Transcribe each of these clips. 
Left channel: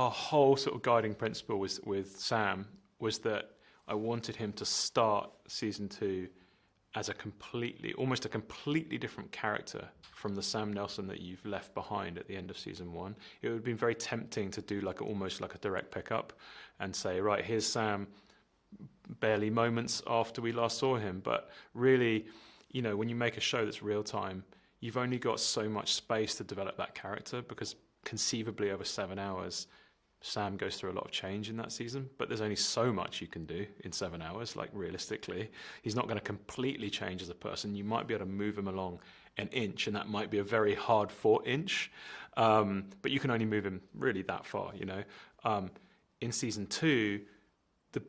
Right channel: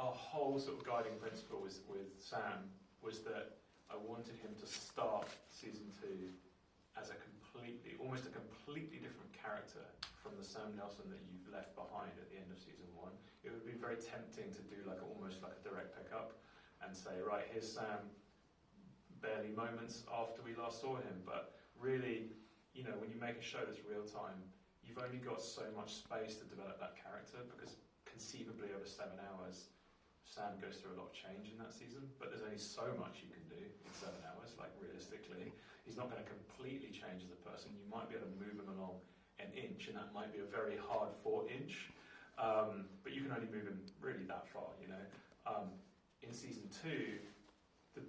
our whole sort of guiding principle with Sam was that I wanted him to start season 2 as almost a completely different character from the Sam Nelson that you've left behind at the end of season 1. It would have been very tempting to do almost like a direct pickup and say, right, here's Sam barely moments after we last saw him. But really, when you make a show that's real time, you've only got so much space to develop that character, because conceivably over 7 hours, Sam goes through a lot of change in that season, but there's only so much you can do in 7 hours. Realistically, he's not going to completely change as a person. You might be able to move him along an inch, and that might be a very hard fought inch, but you can only move him really that far. In season 2,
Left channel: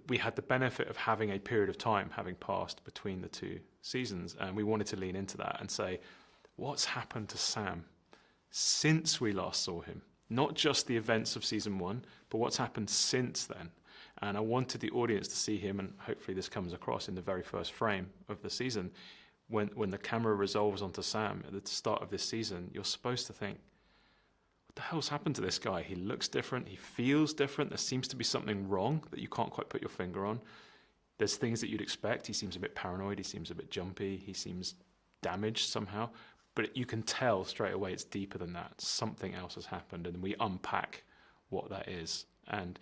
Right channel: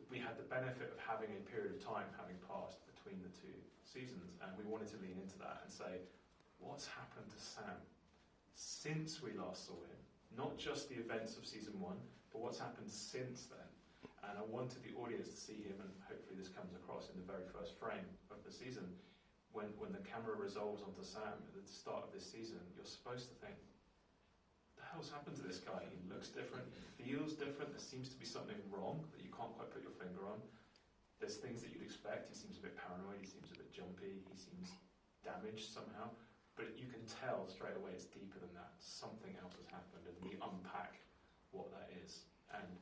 we had the benefit of having a period of time having passed between the 2 seasons, and we wanted to lean into that and say, what's happened to Sam since we last saw him? Not just the events of season 1, but what's happened since then. And I wanted the audience to see him, and hopefully this comes across in the very first frame of the season. When the camera resolves onto Sam at the start of this season, you're supposed to think, what the hell's happened to this guy? He looks different, he feels different, there seems to be something wrong that you can't quite put your finger on. There's things that you'd expect. He seems a bit paranoid, he seems a bit jumpy, he seems damaged somehow. But you can tell straight away it's deeper than that. Something else has happened, and we unpack what that is. And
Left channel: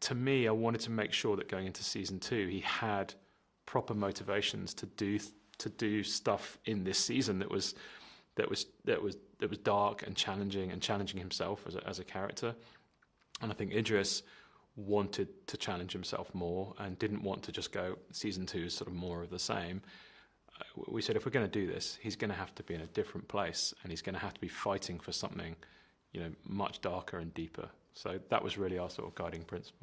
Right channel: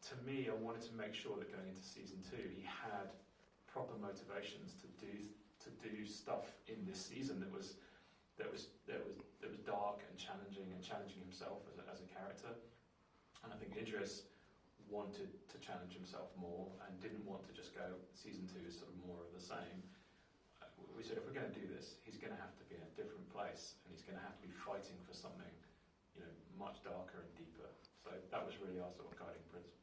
to me, I wanted to make sure that going into season 2, he had proper motivations to do stuff in this season that was dark and challenging himself as a character. And I think Idris wanted to challenge himself more and didn't want to just go season 2 is sort of more of the same. We said, if we're going to do this, he's going to have to be in a different place, and he's going to have to be fighting for something, much darker and deeper. So that was really our sort of guiding principle.